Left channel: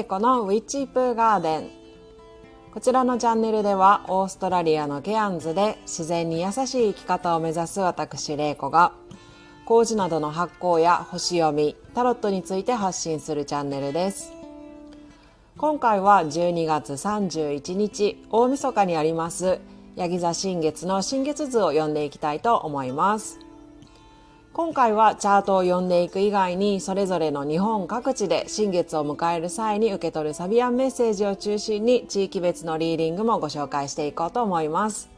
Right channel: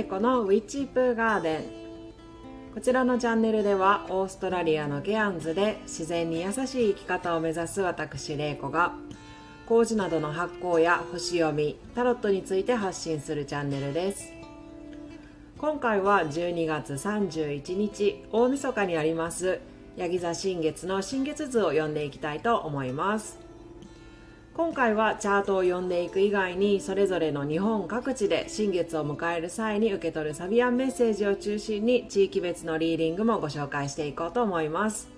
玲子のウィッチプーガーデン。こちらのチャンネルではオーストラリアのケアンズで自然に優しい生き方を目指す私玲子が麹などの発酵や星読み、タロットについて発信するチャンネルです。今回は12月31日大晦日にありますヤギ座新月の新月図を読んでいきたいと思います。今回はチャートを読んでいく以外にそれぞれの日本各地で新月を迎える際に受け取るサビアンメッセージを中心に地域別のリーディングもご紹介していこうと思います。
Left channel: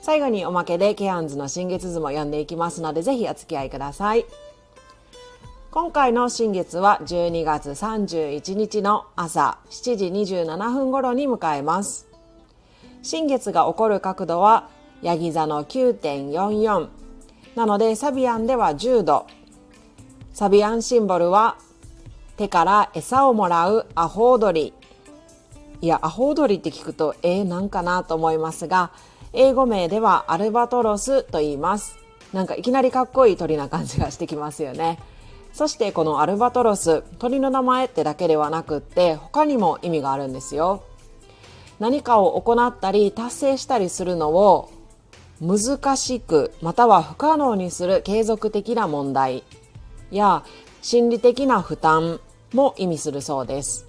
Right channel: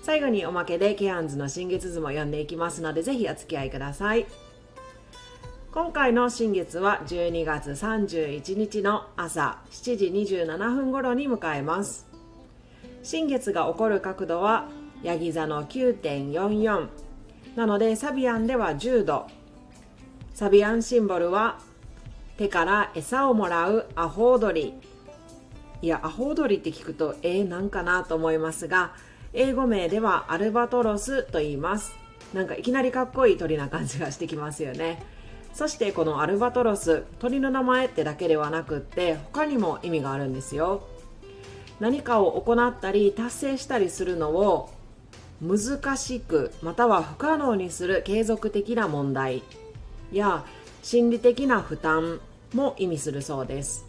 最後におまけでケアンズの新月図も読んでいきますのでぜひお付き合いください。今回の新月は12月31日の朝7時27分頃に迎えます。新月が起こる角度はヤギ座の 9.44なのでサビアンでは10度。サビアンシンボルは手から餌をもらうアホウドリ。いや、アホウドリって聞くとなんかなと思いますが、英語名ではアルバトロスと言います。なんかいきなりかっこいい鳥な感じがしてきますよね。そしてこのアルバトロス、鳥の名前ってだけではなくって他にも意味があるんですよ。何かを行ったり達成したりするのを難しくまたは不可能にする継続的な問題や心理的な負担も意味するそうです。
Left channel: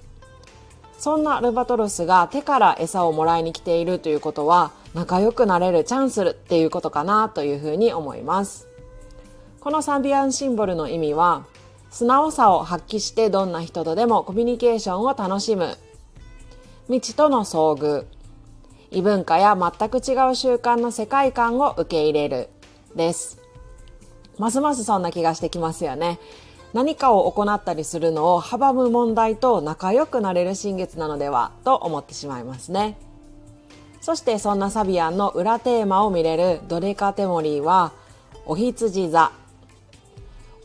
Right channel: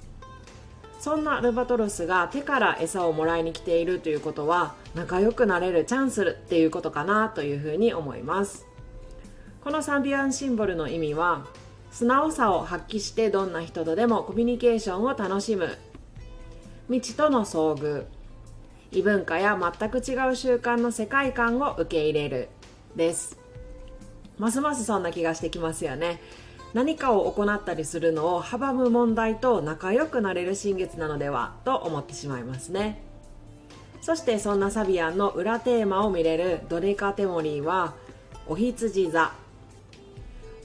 そんなアルバトロスが手から餌をもらいに来ているということは仲良くなれるチャンスっていうことかなというふうに思います。このサビアンシンボルの意味は素直さを発揮してどんな人とでもコミュニケーションを楽しむ、未知との遭遇、異文化や全く違う習慣の世界観を受け入れるです。ますますそんな気がしてきますよね。何かを行ったりするのを阻む問題と仲良くなれる新月なのではと思ってしまいますね。そしてそんなサビアンの裏テーマを見れるドデカテモリーはお羊座。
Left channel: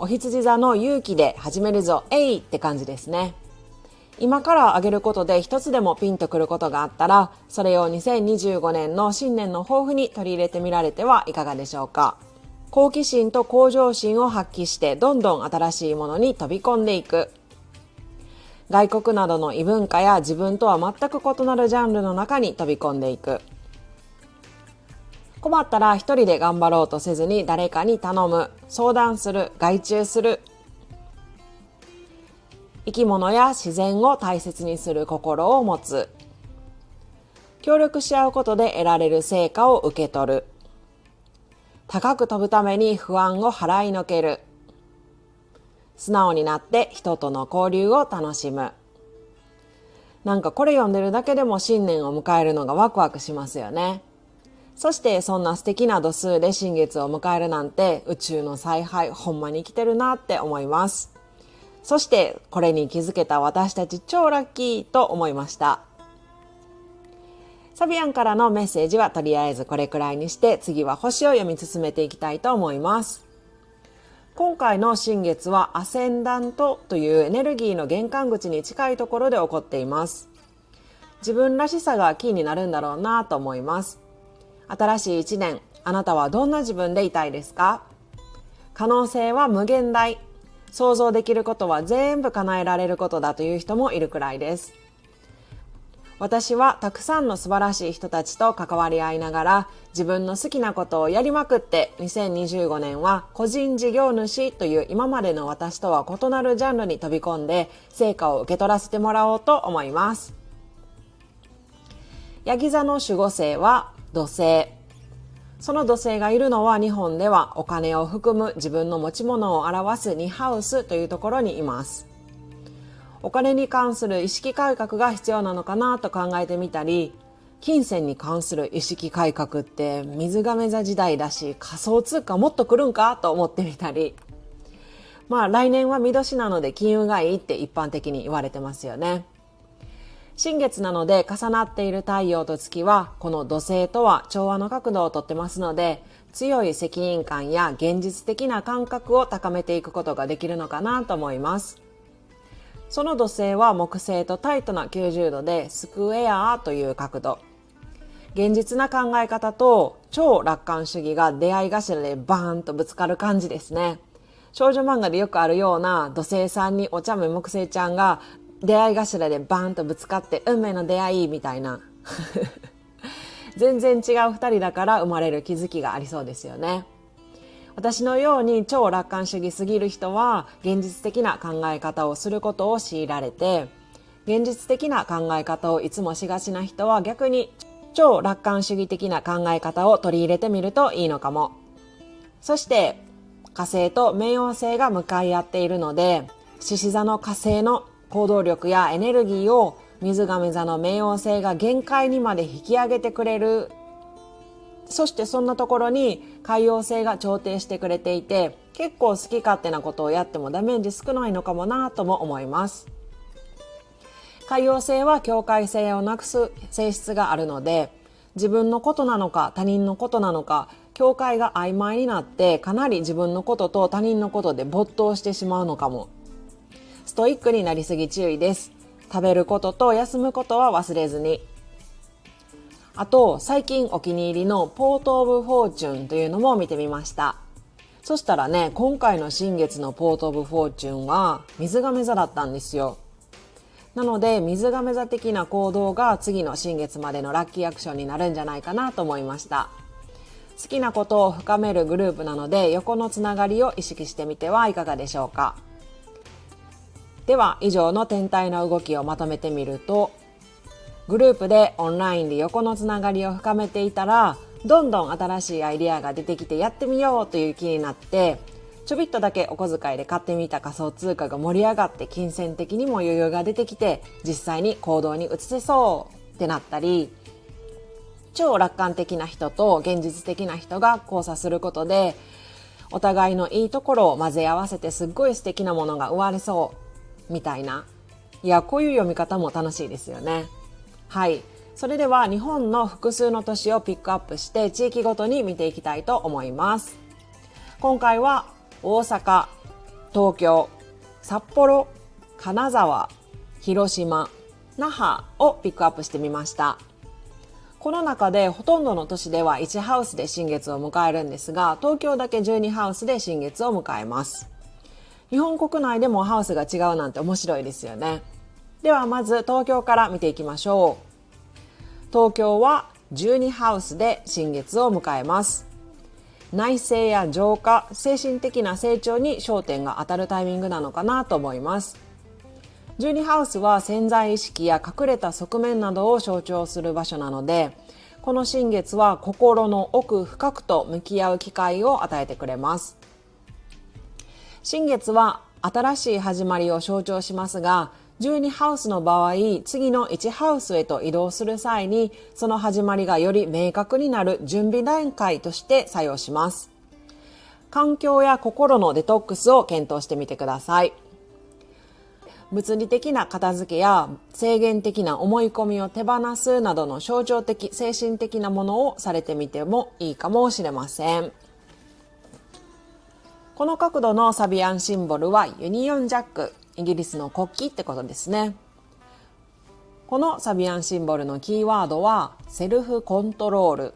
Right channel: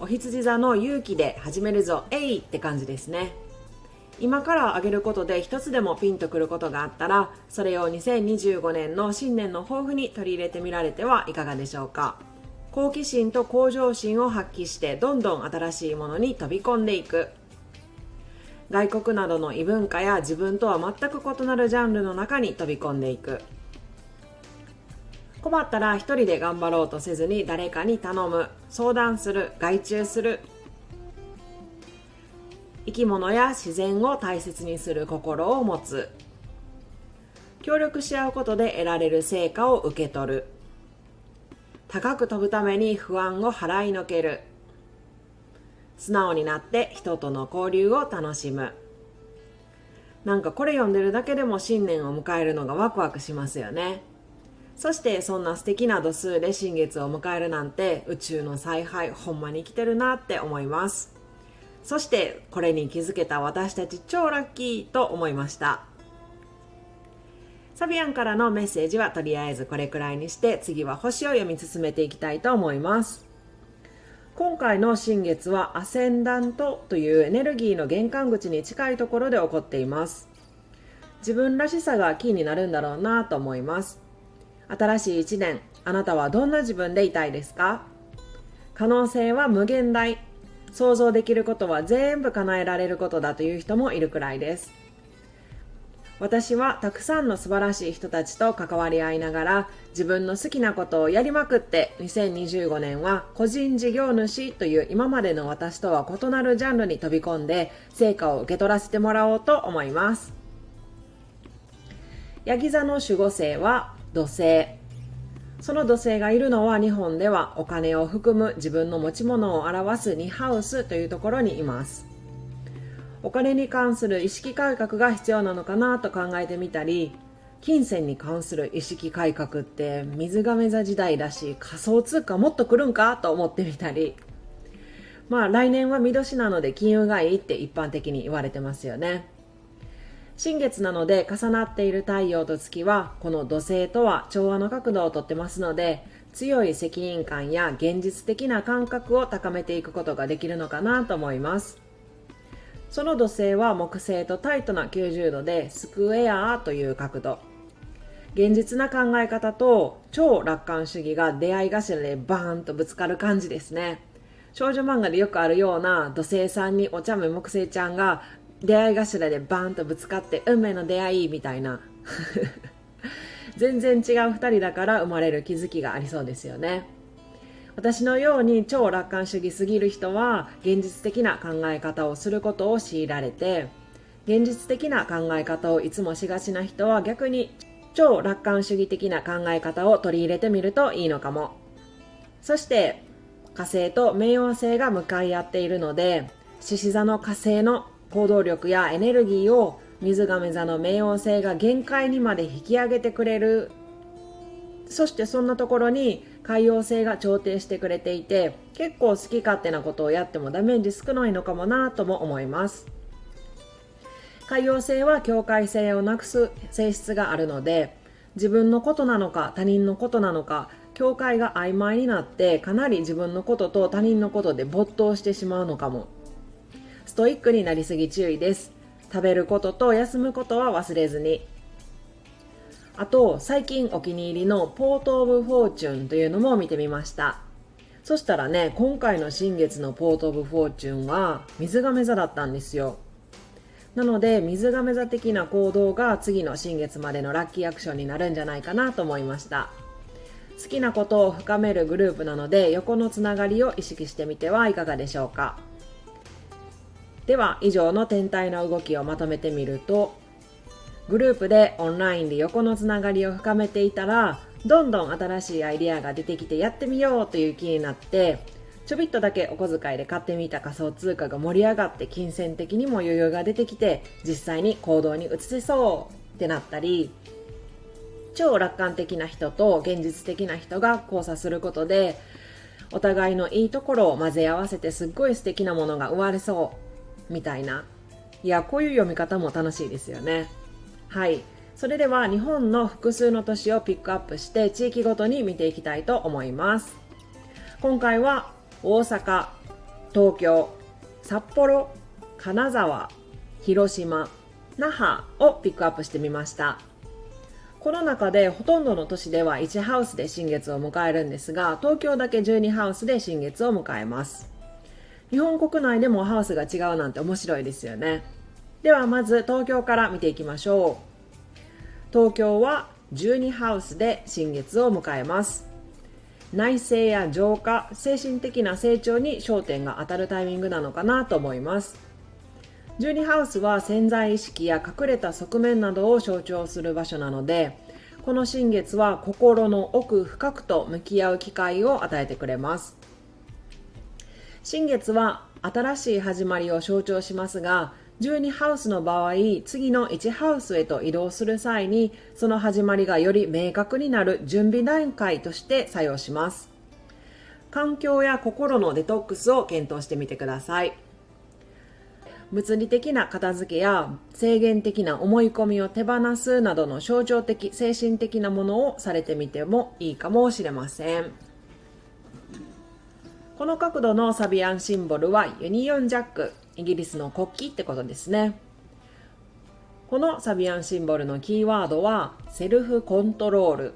お羊座の勇気で始めるぞえいって感じですね。今から挙げることで一つでもピンとくることがあったらそれを2025年の新年の抱負に取り入れてみられてはいかがでしょうか。好奇心と向上心を発揮してどんどん新しいものに飛び込んでいく、外国などの異文化や自分とは全く異なるジャンルの中に飛び込んでいく、困ったら一人で頑張ろうとせずに誰かに頼む、相談する、外注する、生き物や自然を大切にする心を持つ、協力し合うことで得られる成果を受け取る、高く飛ぶために不安を払いのける、素直になって人との交流を楽しむ。なんかこれ読んでるだけでも新年を迎えるのがワクワクしますよね。そしてそんな素敵な度数で新月を迎えるなんて宇宙の采配ほんまに来てるなって思います。そしてこれに気づけた私たち超ラッキーと思いました。サビアンからのメッセージはとりあえずこれくらいにして次は星を読み進めていきたいと思います。今回の新月はアセンダントというエネルギーの玄関口に近いところで起こっています。自分らしさがキーになるんだろうなと思います。新しい一年、あなたはどんな自分でいたいですか？可能性は無限大。想像できることは全部叶えられることだという人もいるくらいです。私はたくさんの素晴らしい人たちと関わり合いながら自分の好きなことをやりまくって2025年は個人事業主という今までの私とは異なるジャンルに飛び込んで成果を受け取らせてもらおうと思います。ヤギ座の守護星は土星。その土星がいるのは日本ではお金を含む自分の持ち物を表す2ハウスというところにいます。お金に関する意識改革が必要なのかなと考えてみたり、金銭に関する意識改革って水亀座時代だし仮想通貨もっと来るんかと思ってみたり、来年は見年なので金運がいいって一般的に言われてますよね。新月なので重なっている太陽と月はこの土星とは調和の角度をとってますので強い責任感や現実的な感覚を高めていくことができるのかなと思います。その土星は木星とタイトな90度でスクエアという角度、現実な考え方と超楽観主義が出会い頭でバーンとぶつかる感じですね。少女漫画でよくあるような土星さんにお茶目木星ちゃんが出会い頭でバーンとぶつかって運命の出会いみたいな全然違う2人だから生まれる気づきがありそうですよね。私のように超楽観主義すぎる人は現実的な考え方をすることを強いられて、現実的な考え方をいつもしがちな人は逆に超楽観主義的な考え方を取り入れてみるといいのかも。そして火星と冥王星が向かい合っているので、獅子座の火星の行動力やエネルギーを水亀座の冥王星が限界にまで引き上げてくれる。そしてそんなところに海王星が調停してくれていて、結構好き勝手なことをやってもダメージ少ないのかもなとも思います。海王星は境界性をなくす性質があるので、自分のことなのか他人のことなのか境界が曖昧になって、かなり自分のことと他人のことで没頭してしまうのかも。ストイックになりすぎ注意です。食べることと休むことは忘れずに。あと最近お気に入りのポートオブフォーチュンというのも見てみました。そしたらね、今回の新月のポートオブフォーチュンは水亀座だったんですよ。なので水亀座的な行動が次の新月までのラッキーアクションになるんじゃないかなと思いました。好きなことを深めるグループなので、横のつながりを意識してみてはいかがでしょうか。では以上の天体の動きをまとめてみると、グループでオンラインで横のつながりを深めていたら、どんどん新しいアイデアが出てきてやってみようという気になって、ちょびっとだけお小遣いで買ってみた仮想通貨が盛り上がって、金銭的にも余裕が出てきて実際に行動に移せそうってなったり、超楽観的な人と現実的な人が交差することで、お互いのいいところを混ぜ合わせてすっごい素敵なものが生まれそうみたいな。いや、こういう読み方も楽しいですよね。はい、それでは日本の複数の都市をピックアップして地域ごとに見ていきたいと思います。今回は大阪、東京、札幌、金沢、広島、那覇をピックアップしてみました。この中でほとんどの都市では1ハウスで新月を迎えるんですが、東京だけ12ハウスで新月を迎えます。日本国内でもハウスが違うなんて面白いですよね。ではまず東京から見ていきましょう。東京は12ハウスで新月を迎えます。内省や浄化、精神的な成長に焦点が当たるタイミングなのかなと思います。12ハウスは潜在意識や隠れた側面などを象徴する場所なので、この新月は心の奥深くと向き合う機会を与えてくれます。新月は新しい始まりを象徴しますが、12ハウスの場合、次の1ハウスへと移動する際に、その始まりがより明確になる準備段階として作用します。環境や心のデトックスを検討してみてください。物理的な片付けや制限的な思い込みを手放すなどの象徴的、精神的なものをされてみてもいいかもしれません。この角度のサビアンシンボルはユニオンジャック、イギリスの国旗ってことですね。このサビアンシンボルのキーワードはセルフコントロール。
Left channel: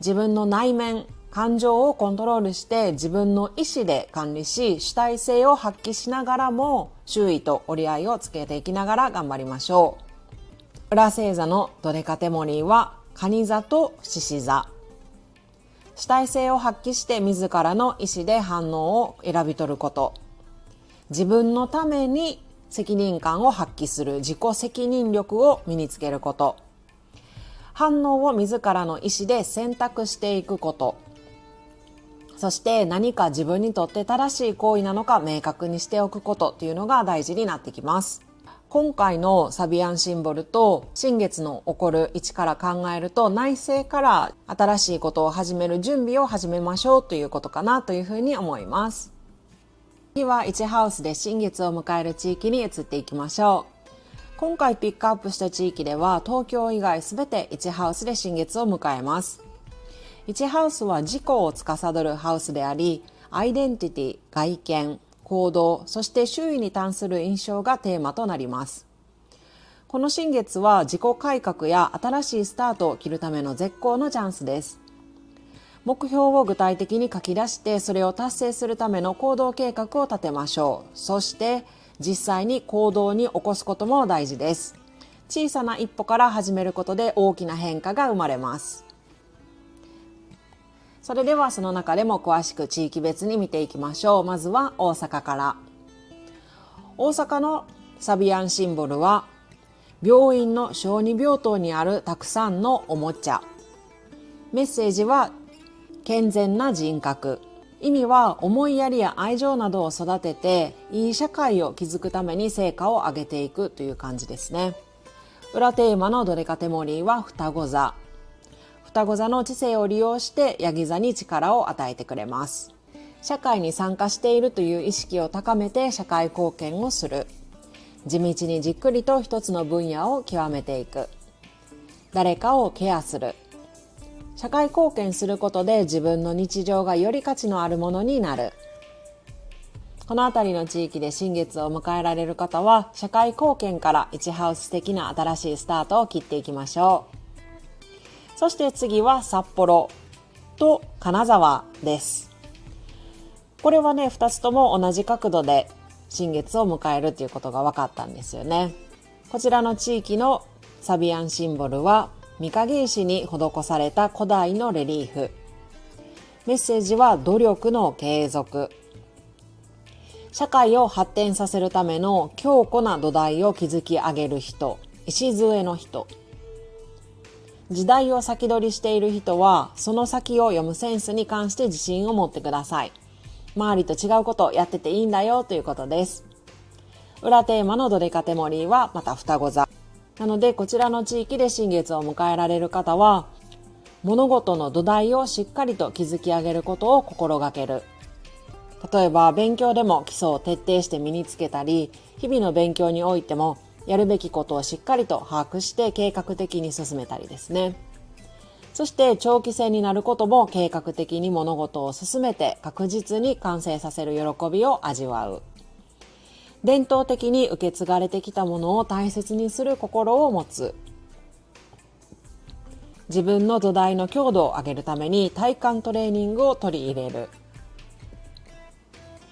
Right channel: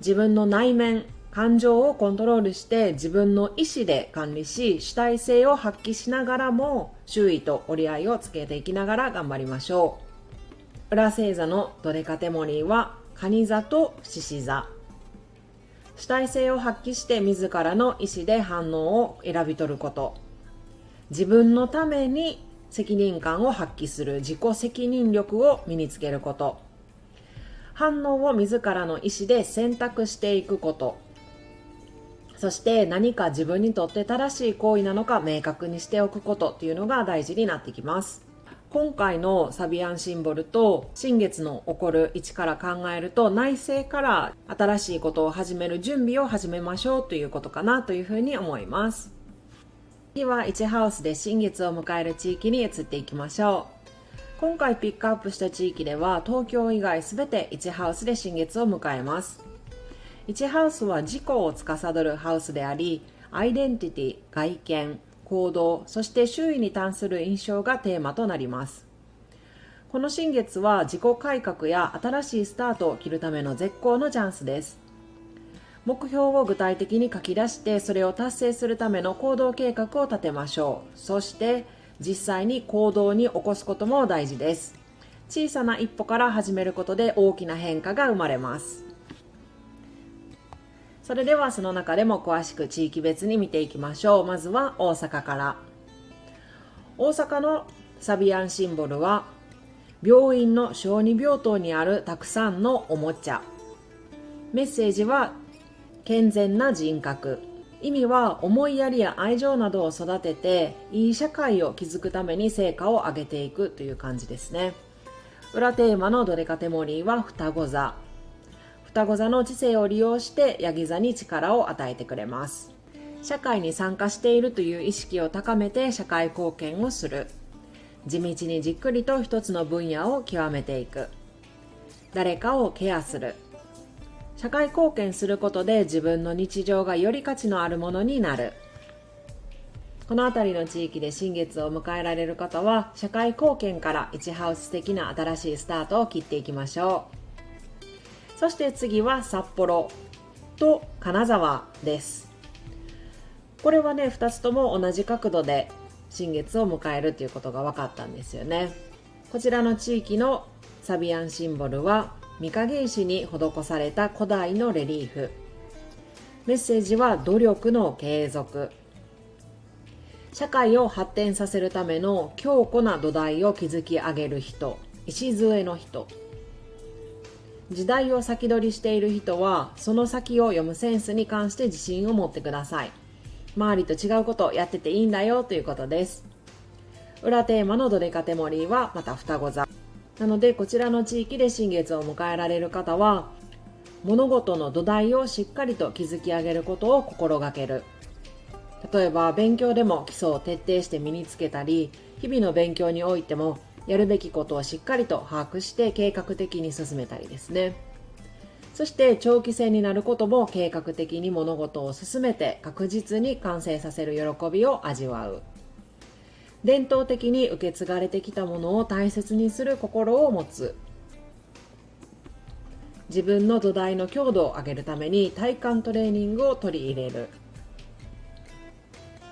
自分の内面、感情をコントロールして自分の意思で管理し、主体性を発揮しながらも周囲と折り合いをつけていきながら頑張りましょう。裏星座のドデカテモニーは蟹座と獅子座。主体性を発揮して自らの意思で反応を選び取ること。自分のために責任感を発揮する自己責任力を身につけること。反応を自らの意思で選択していくこと。そして何か自分にとって正しい行為なのか明確にしておくことというのが大事になってきます。今回のサビアンシンボルと新月の起こる位置から考えると、内省から新しいことを始める準備を始めましょうということかなというふうに思います。次は1ハウスで新月を迎える地域に移っていきましょう。今回ピックアップした地域では東京以外すべて1ハウスで新月を迎えます。1ハウスは自己を司るハウスであり、アイデンティティ、外見、行動、そして周囲に関する印象がテーマとなります。この新月は自己改革や新しいスタートを切るための絶好のチャンスです。目標を具体的に書き出して、それを達成するための行動計画を立てましょう。そして実際に行動に起こすことも大事です。小さな一歩から始めることで大きな変化が生まれます。それではその中でも詳しく地域別に見ていきましょう。まずは大阪から。大阪のサビアンシンボルは病院の小児病棟にあるたくさんのおもちゃ。メッセージは健全な人格。意味は思いやりや愛情などを育てていい社会を築くために成果を上げていくという感じですね。裏テーマのドデカテモリーは双子座。双子座の知性を利用してヤギ座に力を与えてくれます。社会に参加しているという意識を高めて社会貢献をする。地道にじっくりと一つの分野を極めていく。誰かをケアする。社会貢献することで自分の日常がより価値のあるものになる。この辺りの地域で新月を迎えられる方は社会貢献から1ハウス的な新しいスタートを切っていきましょう。そして次は札幌と金沢です。これはね、2つとも同じ角度で新月を迎えるということが分かったんですよね。こちらの地域のサビアンシンボルは御影石に施された古代のレリーフ。メッセージは努力の継続。社会を発展させるための強固な土台を築き上げる人、礎の人。時代を先取りしている人はその先を読むセンスに関して自信を持ってください。周りと違うことをやってていいんだよということです。裏テーマのドデカテモリーはまた双子座なので、こちらの地域で新月を迎えられる方は物事の土台をしっかりと築き上げることを心がける。例えば勉強でも基礎を徹底して身につけたり、日々の勉強においてもやるべきことをしっかりと把握して計画的に進めたりですね。そして長期戦になることも計画的に物事を進めて確実に完成させる喜びを味わう。伝統的に受け継がれてきたものを大切にする心を持つ。自分の土台の強度を上げるために体幹トレーニングを取り入れる。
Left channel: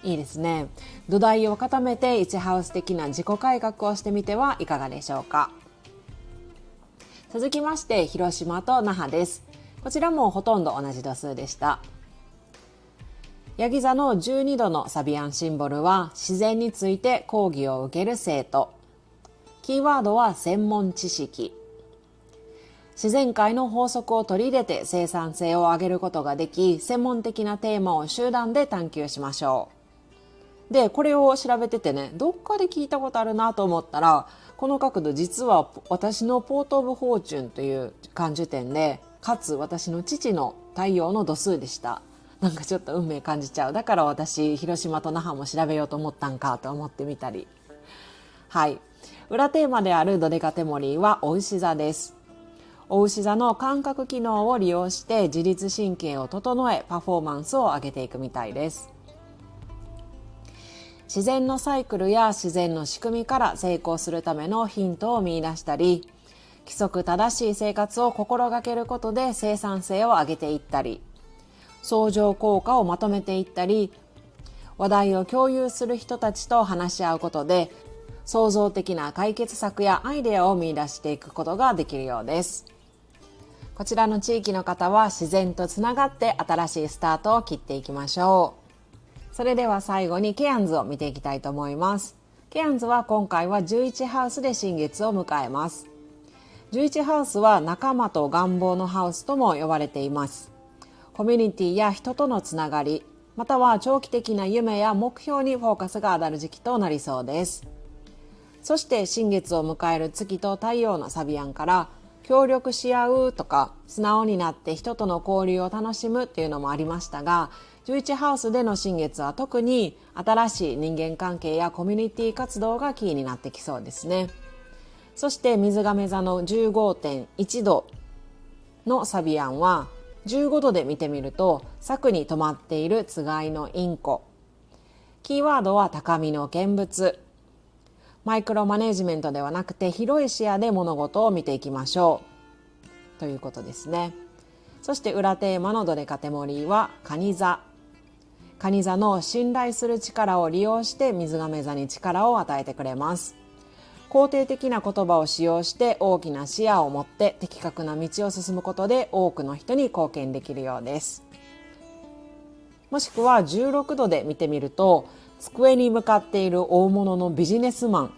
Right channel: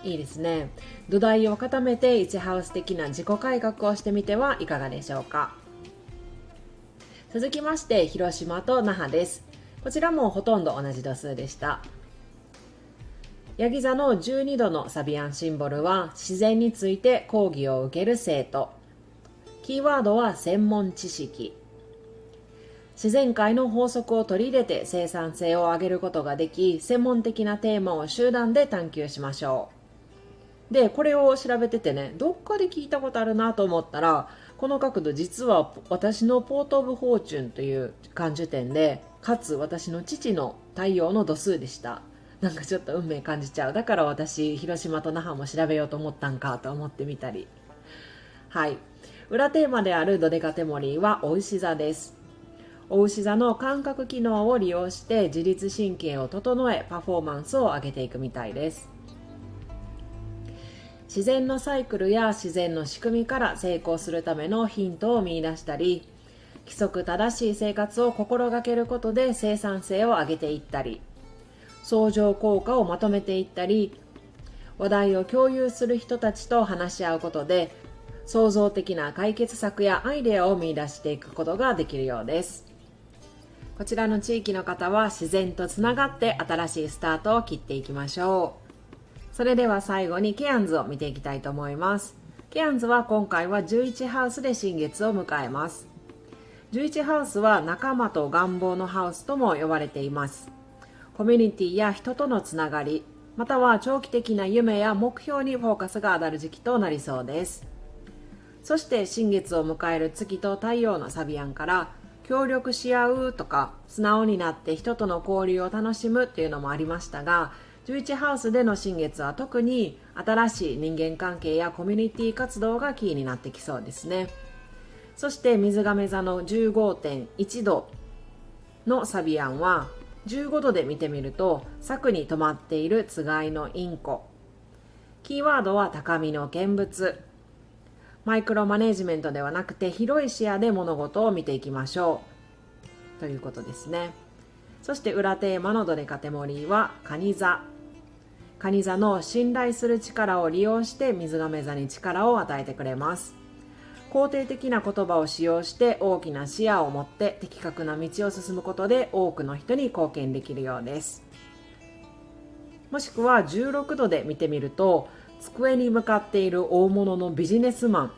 いいですね。土台を固めて1ハウス的な自己改革をしてみてはいかがでしょうか。続きまして広島と那覇です。こちらもほとんど同じ度数でした。ヤギ座の12度のサビアンシンボルは自然について講義を受ける生徒。キーワードは専門知識。自然界の法則を取り入れて生産性を上げることができ、専門的なテーマを集団で探求しましょう。で、これを調べててね、どっかで聞いたことあるなと思ったら、この角度実は私のポート・オブ・フォーチュンという感受点で、かつ私の父の太陽の度数でした。なんかちょっと運命感じちゃう。だから私広島と那覇も調べようと思ったんかと思ってみたり。はい、裏テーマであるドデカテモリーはお牛座です。お牛座の感覚機能を利用して自律神経を整えパフォーマンスを上げていくみたいです。自然のサイクルや自然の仕組みから成功するためのヒントを見出したり、規則正しい生活を心がけることで生産性を上げていったり、相乗効果をまとめていったり、話題を共有する人たちと話し合うことで創造的な解決策やアイデアを見出していくことができるようです。こちらの地域の方は自然とつながって新しいスタートを切っていきましょう。それでは最後にケアンズを見ていきたいと思います。ケアンズは今回は11ハウスで新月を迎えます。11ハウスは仲間と願望のハウスとも呼ばれています。コミュニティや人とのつながり、または長期的な夢や目標にフォーカスが当たる時期となりそうです。そして新月を迎える月と太陽のサビアンから協力し合うとか素直になって人との交流を楽しむっていうのもありましたが、11ハウスでの新月は特に新しい人間関係やコミュニティ活動がキーになってきそうですね。そして水亀座の 15.1 度のサビアンは15度で見てみると柵に止まっているつがいのインコ。キーワードは高みの見物。マイクロマネジメントではなくて広い視野で物事を見ていきましょうということですね。そして裏テーマのドデカテモリーは蟹座。蟹座の信頼する力を利用して水亀座に力を与えてくれます。肯定的な言葉を使用して大きな視野を持って的確な道を進むことで多くの人に貢献できるようです。もしくは16度で見てみると、机に向かっている大物のビジネスマン。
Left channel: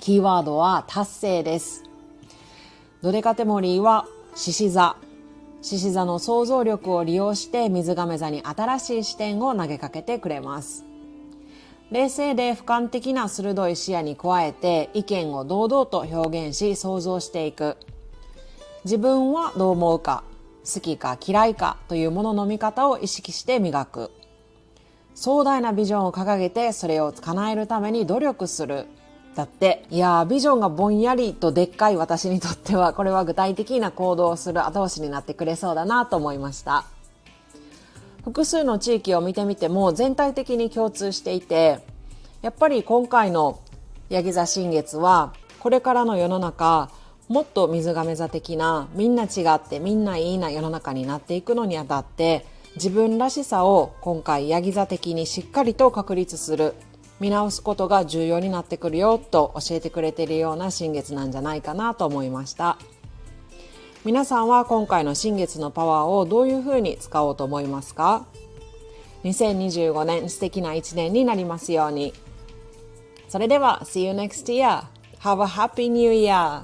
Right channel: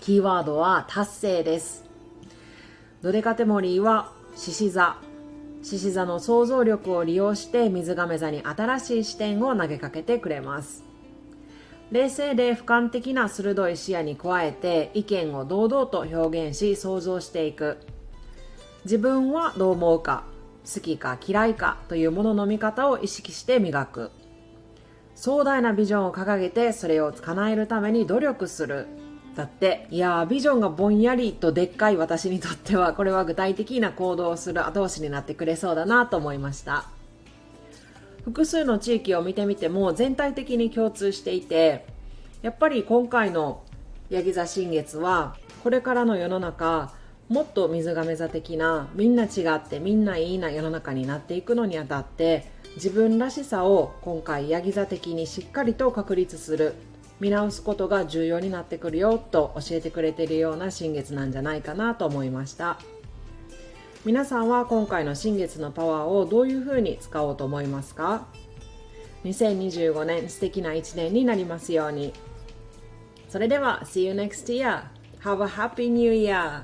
キーワードは達成です。ドデカテモリーは獅子座。獅子座の想像力を利用して水亀座に新しい視点を投げかけてくれます。冷静で俯瞰的な鋭い視野に加えて意見を堂々と表現し想像していく。自分はどう思うか、好きか嫌いかというものの見方を意識して磨く。壮大なビジョンを掲げてそれを叶えるために努力する。だって、いやビジョンがぼんやりとでっかい私にとっては、これは具体的な行動をする後押しになってくれそうだなと思いました。複数の地域を見てみても全体的に共通していて、やっぱり今回のヤギ座新月はこれからの世の中、もっと水亀座的なみんな違ってみんないいな世の中になっていくのにあたって、自分らしさを今回ヤギ座的にしっかりと確立する、見直すことが重要になってくるよと教えてくれているような新月なんじゃないかなと思いました。皆さんは今回の新月のパワーをどういうふうに使おうと思いますか？ 2025 年素敵な1年になりますように。それでは See you next year. Have a happy new year!